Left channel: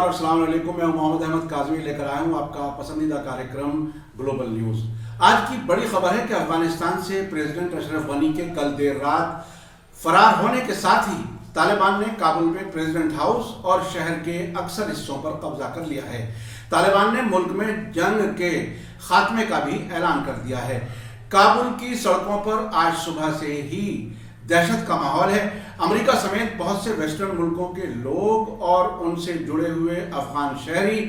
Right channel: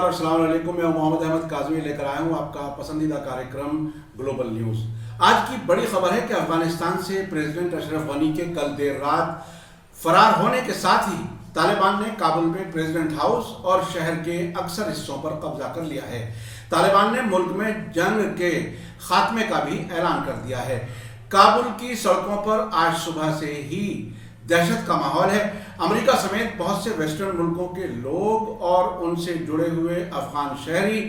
नमस्कार और अस्सलाम वालेकुम। मैं मोहम्मद अहमद काज़मी लेकर आया हूँ आपका पसंदीदा कार्यक्रम ग्लोबल न्यूज़। आज की बड़ी खबर है कि अफगानिस्तान से प्रेसिडेंट अशरफ गनी के कल देर रात फरार होने के साथ ही तालिबान ने काबुल में प्रेसिडेंट हाउस और शहर के अक्सर हिस्सों पर कब्जा कर लिया है। तालिबान ने मुल्क में जंग के खात्मे का भी ऐलान कर दिया है। काबुल की सड़कों पर आज सुबह से ही दहशत का माहौल है। अमेरिका समेत बहुत से वेस्टर्न मुल्कों के लोग और उनसे जुड़े हुए अफगान शहरी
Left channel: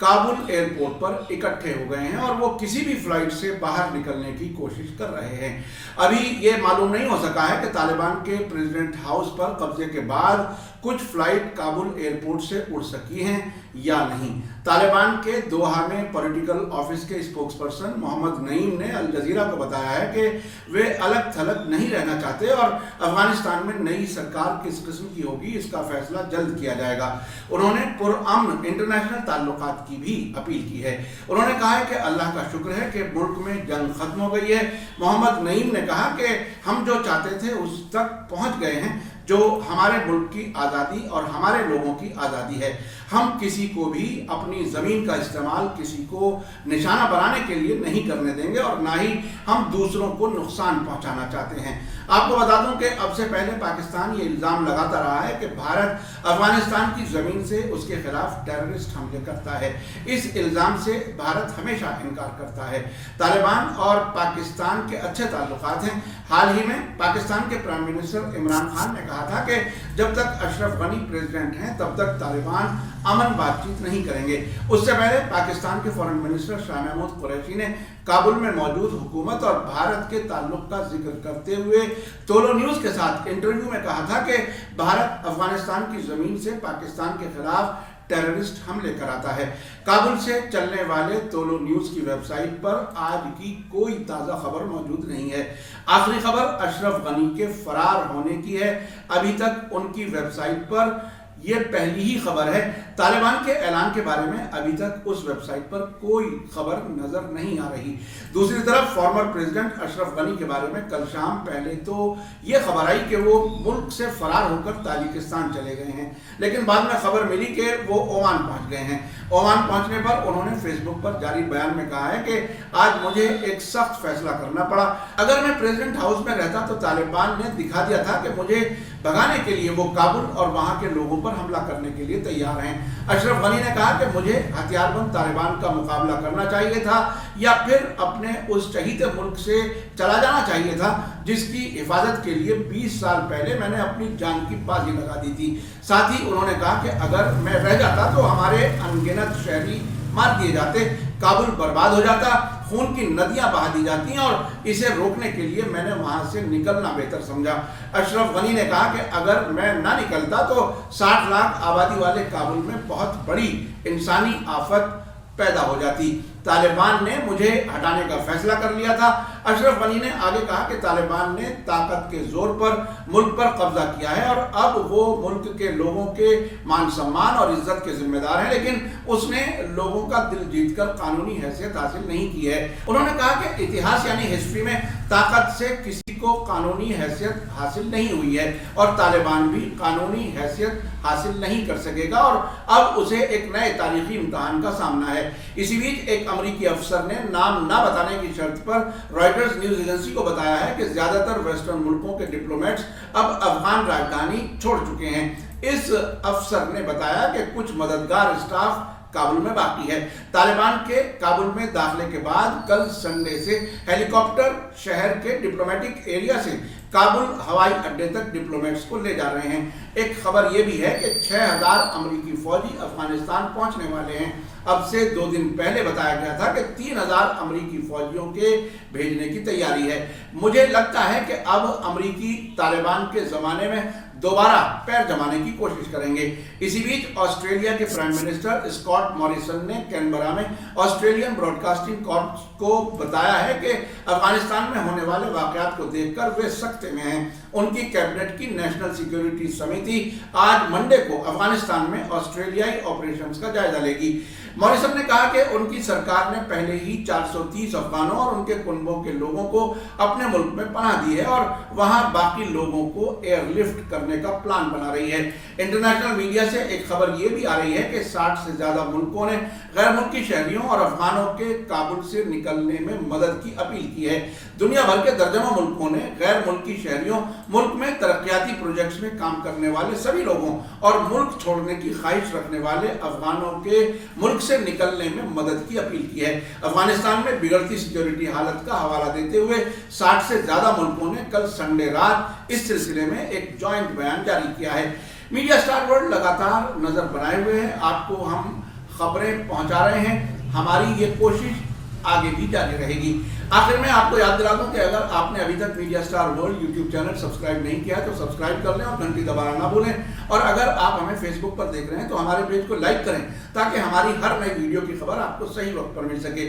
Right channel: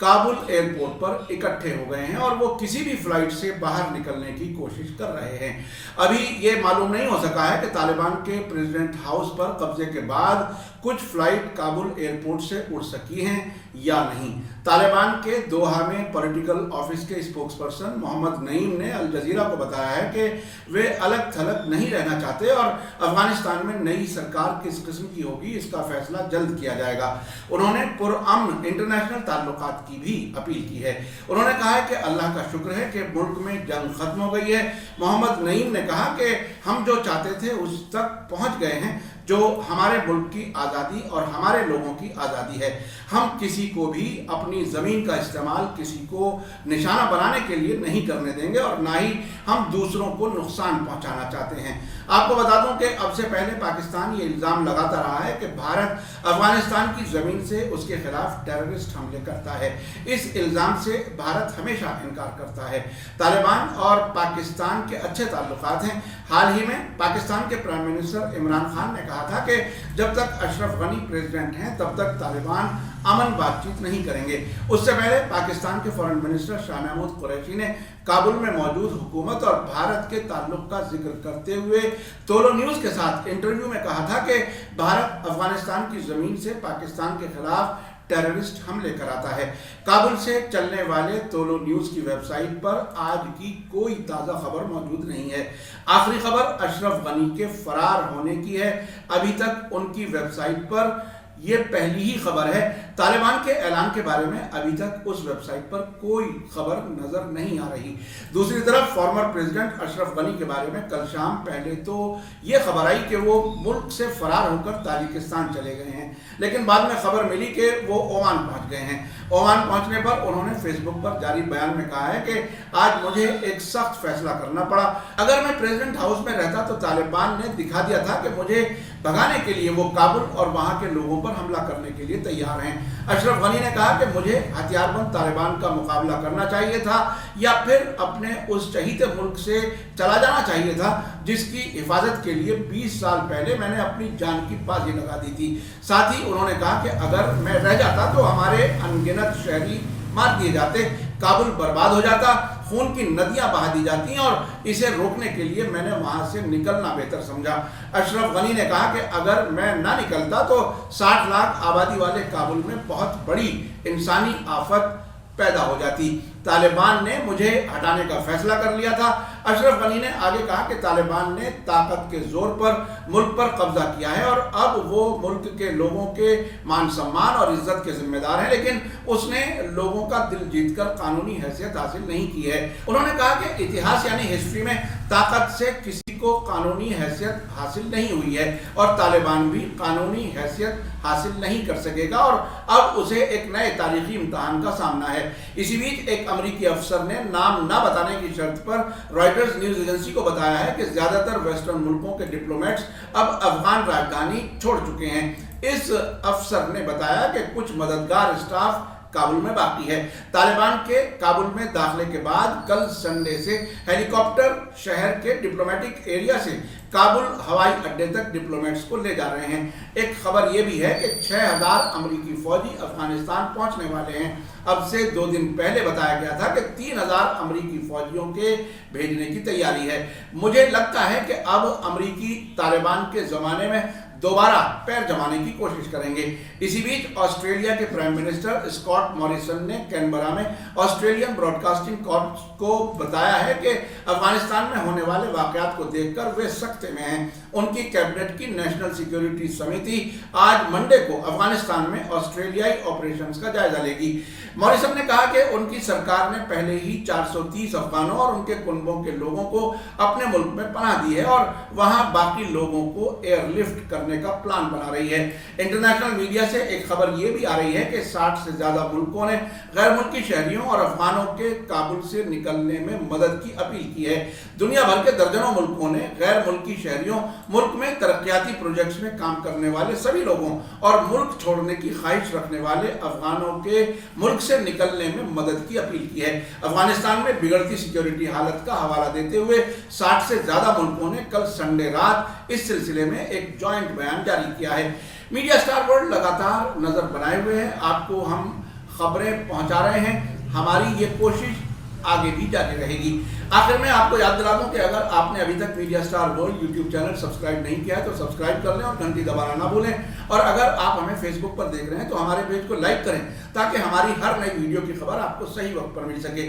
काबुल एयरपोर्ट पर इकट्ठे हो गए हैं और वो किसी भी फ्लाइट से बाहर निकलने की कोशिश कर रहे हैं। अभी ये मालूम नहीं हो सका है कि तालिबान के प्रेसिडेंट हाउस पर कब्जे के बाद कुछ फ्लाइट काबुल एयरपोर्ट से उड़ सकी हैं या नहीं। तालिबान के दोहा में पॉलिटिकल ऑफिस के स्पोक्सपर्सन मोहम्मद नईम ने अल जजीरा को बताया है कि वे अलग थलग नहीं रहना चाहते और अफगानिस्तान में नई सरकार किस किस्म की होगी इसका फैसला जल्द किया जाएगा। उन्होंने पुरअमन इंटरनेशनल ताल्लुकात की भी अपील की है। उन्होंने कहा है कि अल्लाह का शुक्र है कि मुल्क में जंग खत्म हो गई है। मोहम्मद नईम ने कहा कि हम जो चाहते थे उस तक पहुंच गए हैं, जो हमारे मुल्क की आज़ादी और हमारे लोगों की आज़ादी है। हम किसी को भी अपनी ज़मीन का इस्तेमाल किसी को निशाना बनाने के लिए नहीं करने देंगे और ना ही हम दूसरों को नुकसान पहुंचाना चाहते हैं। आपको बता दूं कि अब से पहले पाकिस्तान ये इल्ज़ाम लगाता रहा है कि भारत अफगानिस्तान की ज़मीन से उसके खिलाफ टेररिस्ट हमले करता है। इस इल्ज़ाम से भारत हमेशा इनकार करता है। तालिबान और पाकिस्तान के अच्छे ताल्लुकात हैं। हाल ही में पाकिस्तान के प्राइम मिनिस्टर इमरान खान ने कहा था कि जब तक अशरफ गनी प्रेसिडेंट हैं तब तक तालिबान अमन बातचीत नहीं करेंगे। उससे पहले पाकिस्तान के फॉरेन मिनिस्टर शाह महमूद कुरैशी ने काबुल में मौजूद हुकूमत और भारत के ताल्लुक का जिक्र करते हुए तोलो न्यूज़ के साथ इंटरव्यू में कहा था कि भारत अफगानिस्तान की ज़मीन से पाकिस्तान के खिलाफ टेररिस्ट हमले कराता है। काबुल से चलने वाले तोलो न्यूज़ की वेबसाइट पर आज की कोई ताज़ा खबर मौजूद नहीं है। आखिरी खबर अशरफ गनी के फरार होने की है। अभी तक उनकी वेबसाइट पर यह पहली ही खबर है। तालिबान के ऐलान के बारे में अभी तक उस वेबसाइट पर कोई खबर नजर नहीं आ रही। दूसरी तरफ फॉर्मर प्रेसिडेंट अशरफ गनी के बारे में कल शाम पहले तो यह खबर आई कि वो मुल्क से फरार होकर ताजिकिस्तान चले गए हैं, लेकिन बाद में खबर मिली कि वो ओमान पहुंच गए हैं। ओमान पहुंचने पर उन्होंने फेसबुक पर जारी बयान में कहा है कि आज मुझे एक सख्त फैसला करना पड़ा। अगर मैं प्रेसिडेंट हाउस में रहता तो तालिबान ने दिखा दिया था कि मुझे भगाने के लिए वो काबुल और वहां के लोगों पर हमला करने के लिए तैयार हैं। अशरफ गनी ने कहा कि मुझे हथियारबंद तालिबान का मुकाबला करना चाहिए था या फिर अपने उस चहीते मुल्क से चला जाना चाहिए था जिसकी हिफाजत के लिए 20 साल पहले मैंने अपनी जान की बाजी लगा दी थी। साथ ही उन्होंने कहा कि अगर मैं रह जाता तो हमारे अनगिनत शहरी मार दिए जाते, काबुल बर्बाद हो जाता, खून की नदियां बहा दी जाती और इसे रोकने के लिए मैंने वहां से निकलना बेहतर समझा। अशरफ गनी ने कहा कि अगर मैं ना निकलता तो 60 लाख आबादी वाले काबुल में बहुत बड़ी इंसानी आफत पैदा हो जाती। तालिबान ने मुझे हटाने का फैसला कर लिया था। अशरफ गनी ने आगे कहा कि तालिबान ने ताकत के जोर पर मुल्क पर कब्जा किया है और अब वो मुल्क के लोगों के मान सम्मान और इज्जत के जिम्मेदार हैं, लेकिन उसने लोगों का दिल जीतकर कानूनी हैसियत हासिल नहीं की है। उन्होंने कहा कि इतिहास यानी हिस्ट्री में ताकत से किसी को कानूनी हैसियत हासिल नहीं हुई है और तालिबान भी कानूनी हैसियत हासिल नहीं कर सकेगा और अब उसे एक नए तारीखी इम्तहान का सामना है। इसी बीच एक अमेरिकी अफसर ने नाम ना बताने की शर्त पर रॉयटर्स न्यूज एजेंसी को बताया है कि ज्यादातर वेस्टर्न मुल्कों के डिप्लोमेट्स अब अफगान राजधानी छोड़ चुके हैं। इस अफसर ने बताया कि कुछ मददगार स्टाफ काबुल में बाकी है। तालिबान के काबुल में दाखिले के बाद कल संडे से हेलीकॉप्टर शहर के डिप्लोमेटिक एरिया से काबुल हवाई अड्डे तक डिप्लोमेट्स को ले जा रहे हैं। एक खबर यह भी है कि 6000 अमेरिकी फौजी अफगानिस्तान पहुंचने वाले हैं। अब से 2 दिन पहले बताया गया था कि 3000 अमेरिकी फौजियों के भेजने की तैयारी है। मुझे लगता है कि अब अमेरिकी तालिबान के जमाने में दोबारा पैर जमाने की कोशिश करेंगे। इसी बीच ऑस्ट्रेलिया के प्राइम मिनिस्टर स्कॉट मॉरिसन ने कैनबरा में ऑस्ट्रेलियन ब्रॉडकास्टिंग कॉर्प्स को बताया है कि अफगानिस्तान में होने वाले वाकयात को देखकर वे सख्त में हैं। उनकी कैबिनेट की नेशनल सिक्योरिटी समिति आज मंडे को अफगानिस्तान में ऑस्ट्रेलियाई ऑपरेशंस का जायजा लेगी। मॉरिसन ने कहा कि उनकी सरकार ने पहले ही 430 अफगानों और उनके कुनबों के लोगों को अपने मुल्क में पनाह दी है और वहां बाकी लोगों को एयरलिफ्ट करने का प्लान बना रही है। इंटरनेशनल मीडिया से एक खबर यह भी आ रही है कि 60 से ज्यादा मुल्कों ने गैर मुल्की शहरियों और अफगानों के काबुल से निकलने में मदद की अपील की है। दुनिया भर के दर्जनों मुल्कों ने गैर मुल्की शहरियों, मुल्क में तरक्याती प्रोजेक्ट्स में काम करने वाले सभी लोगों और मुल्क छोड़ने की ख्वाहिश रखने वाले अफगानों के मुल्क से निकलने में मदद की अपील की है। अफगानिस्तान में बिगड़ती सिक्योरिटी हालत का हवाला देते हुए 60 से ज्यादा मुल्कों ने कल संडे रात इस सिलसिले में एक जॉइंट बयान जारी किया है। मीडिया स्टार वर्ल्ड लगातार नजर बनाए हुए हैं, आपको हम खबरें पहुंचा रहे हैं। हमारी ये कोशिश आगे भी जारी रहेगी। आखिर में आपको याद दिला दूं कि अगर आपने अभी तक media star world YouTube channel subscribe नहीं किया है तो सब्सक्राइब कर लें और घंटी दबाना ना भूलें। और अगर आप हमें फेसबुक पर देख रहे हैं तो हमारे पेज को लाइक करें ताकि हमारी हर नई वीडियो की खबर आपको सही वक्त पर मिल सके।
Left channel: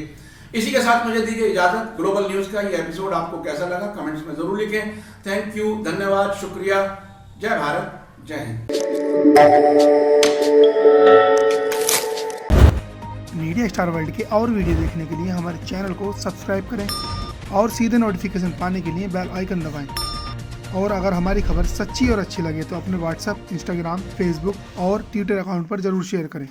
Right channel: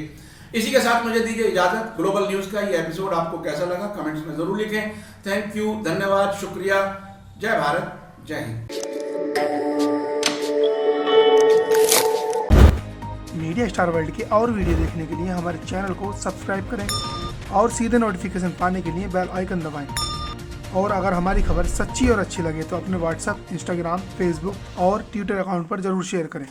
इसी के साथ मुझे दीजिए इजाजत। ग्लोबल न्यूज का ये एपिसोड आपको कैसा लगा कमेंट्स में जरूर लिखें। थैंक यू, धन्यवाद, शुक्रिया। जय भारत, जय हिंद। मीडिया स्टार वर्ल्ड के और वीडियो देखने के लिए हमारे चैनल को सब्सक्राइब करें और सीधे नोटिफिकेशन पाने के लिए बेल आइकन दबाएं। और अगर हमारी खबर सच्ची और अच्छी लगे तो अपने व्हाट्सएप, इंस्टाग्राम, फेसबुक और ट्विटर अकाउंट पर ज़रूर शेयर करें।